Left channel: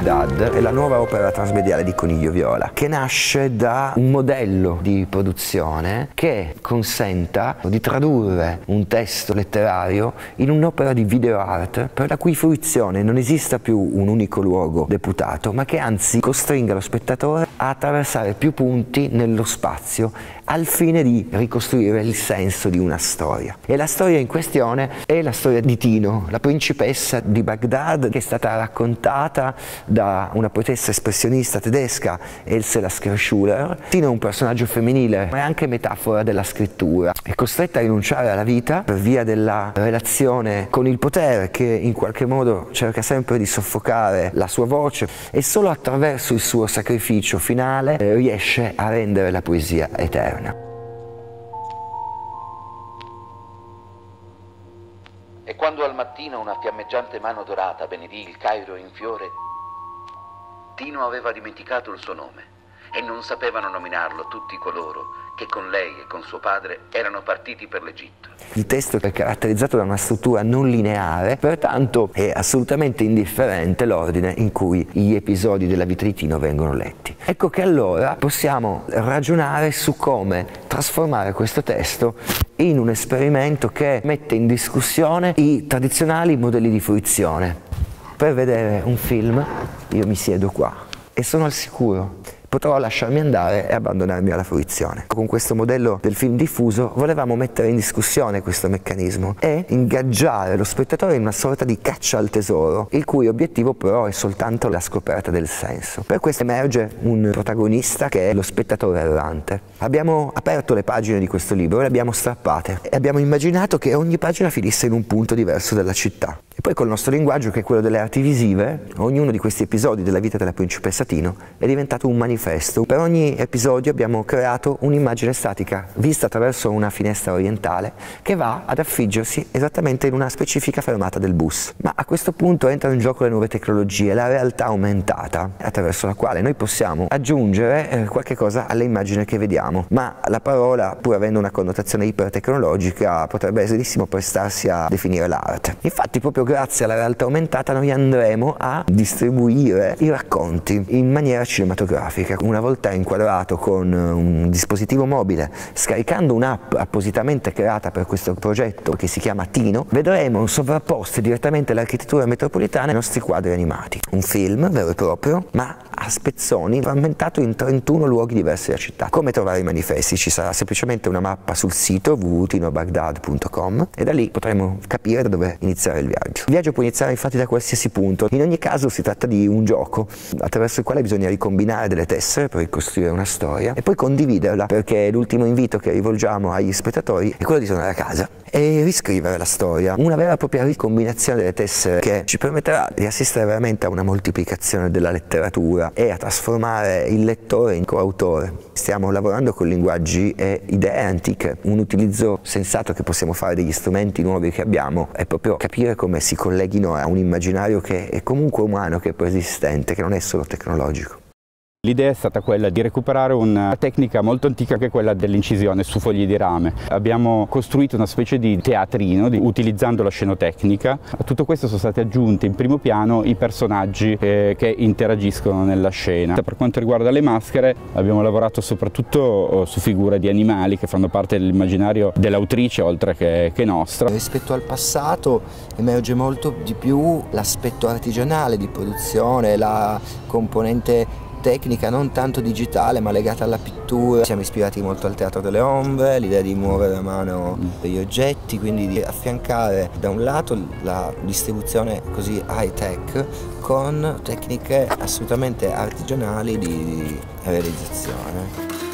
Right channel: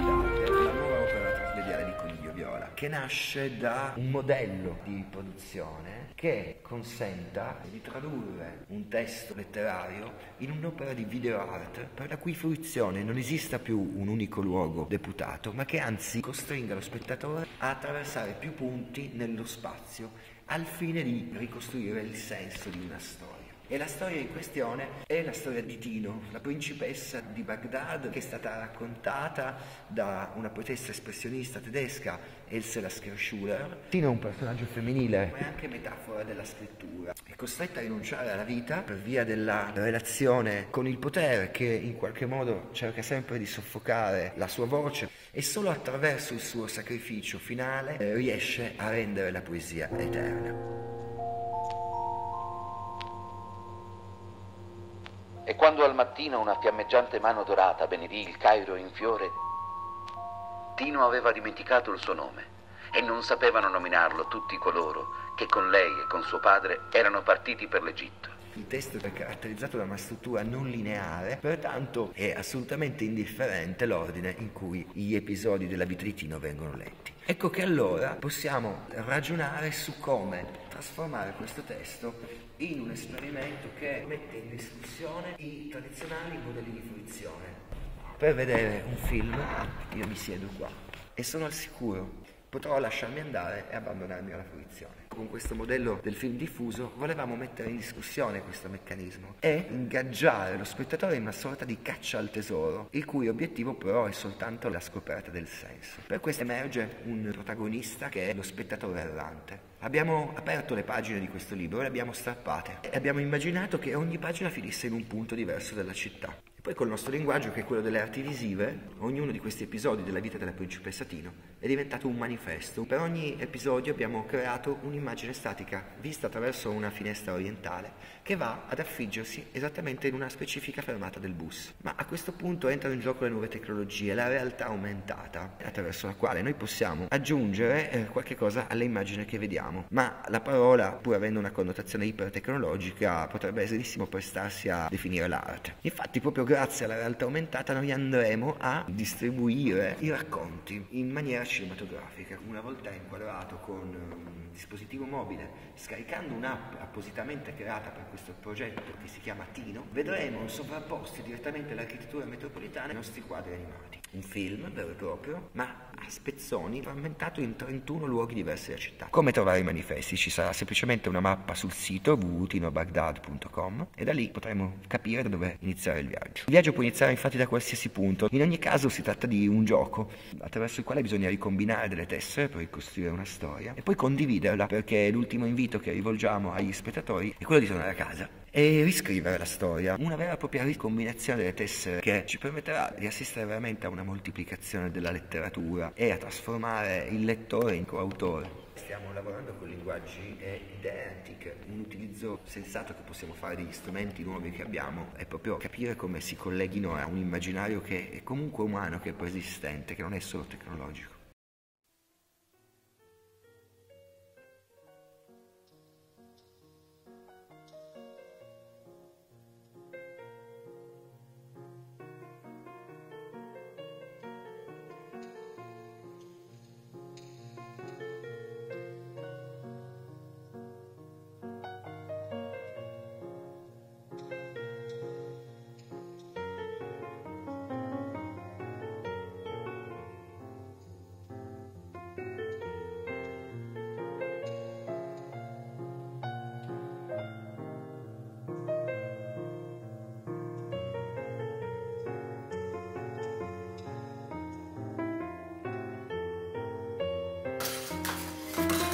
Baghdad è la nuova opera trasmediale di Coniglio Viola, che nasce da un modello di produzione che consenta di tradurre un testo letterario in un'opera di video art per la cui fruizione non esista più un unico luogo deputato, ma che anzi costringa lo spettatore a attraversare più punti nello spazio al fine di ricostruire il senso di una storia. E la storia in questione è la storia di Tino, la principessa di Baghdad, che è stata raccontata da una poetessa espressionista tedesca, Else Lasker-Schuler. Tino è un personaggio femminile, ma è anche metafora della scrittura. È costretta a rinunciare alla vita per via della relazione con il potere, che in qualche modo cerca sempre di soffocare la sua voce, e solo attraverso il suo sacrificio finale riesce a rendere la poesia eterna. E quando al mattino una fiammeggiante mano dorata benedì il Cairo in fiore, Tino aveva dimenticato il suo nome e non sapevano nominarlo tutti coloro che con lei e con suo padre erano partiti per l'Egitto. Il testo è caratterizzato da una struttura non lineare, pertanto è assolutamente indifferente l'ordine in cui gli episodi della vita di Tino vengono letti. Ecco che allora possiamo ragionare su come trasformare questo testo in un esperimento che mette in discussione i tradizionali modelli di fruizione. Per vedere un film io mi siedo qua e sono al sicuro. Potrò lasciarmi andare e abbandonarmi alla fruizione. Con questo modello del film diffuso volevamo mettere in discussione questo meccanismo e ingaggiare lo spettatore in una sorta di caccia al tesoro, il cui obiettivo però è soltanto la scoperta del senso. Per questo emerge un protagonista che è lo spettatore errante. Abbiamo aperto le pagine di questo libro e le abbiamo strappate e abbiamo immaginato che ogni pagina finisse in un punto diverso della città. E poi col nostro linguaggio, che è quello delle arti visive, ognuno di questi episodi della vita della principessa Tino è diventato un manifesto. Per ogni episodio abbiamo creato un'immagine statica, vista attraverso una finestra orientale, che va ad affiggersi esattamente in una specifica fermata del bus. Ma a questo punto entrano in gioco le nuove tecnologie, la realtà aumentata, attraverso la quale noi possiamo aggiungere qualche cosa alle immagini che vediamo. Ma la parola, pur avendo una connotazione ipertecnologica, potrebbe benissimo prestarsi a definire l'arte. Infatti, proprio grazie alla realtà aumentata noi andremo a distribuire i racconti in maniera cinematografica. Una volta inquadrato con un dispositivo mobile, scaricando un'app appositamente creata per questo progetto che si chiama Tino, vedremo sovrapposte direttamente all'architettura metropolitana i nostri quadri animati. Un film vero e proprio, ma a spezzoni, frammentato in 31 luoghi diversi della città. Come trovare i manifesti? Ci sarà semplicemente una mappa sul sito www.tinobaghdad.com e da lì potremo capire da dove iniziare il viaggio. Il viaggio può iniziare infatti da qualsiasi punto. In ogni caso si tratta di un gioco attraverso il quale bisogna ricombinare delle tessere per ricostruire una storia e poi condividerla, perché l'ultimo invito che rivolgiamo agli spettatori è quello di tornare a casa e riscrivere la storia. Una vera e propria ricombinazione delle tessere che ci permetterà di assistere veramente a una moltiplicazione della letteratura e a trasformare il lettore in coautore. Stiamo lavorando con linguaggi e idee antiche. Un utilizzo sensato che possiamo fare degli strumenti nuovi che abbiamo è proprio capire come si colleghino a un immaginario che è comunque umano, che è preesistente, che non è solo tecnologico. L'idea è stata quella di recuperare una tecnica molto antica che è quella dell'incisione su fogli di rame. Abbiamo costruito una specie di teatrino utilizzando la scenotecnica. A tutto questo sono stati aggiunti in primo piano i personaggi che interagiscono nella scena. Per quanto riguarda le maschere abbiamo lavorato soprattutto su figure di animali che fanno parte dell'immaginario dell'autrice oltre che nostra. Rispetto al passato emerge molto di più l'aspetto artigianale di produzione, la componente tecnica non tanto digitale ma legata alla pittura. Siamo ispirati molto al teatro delle ombre, l'idea di muovere a mano gli oggetti, quindi di affiancare da un lato la distribuzione così high tech con tecniche assolutamente artigianali di realizzazione.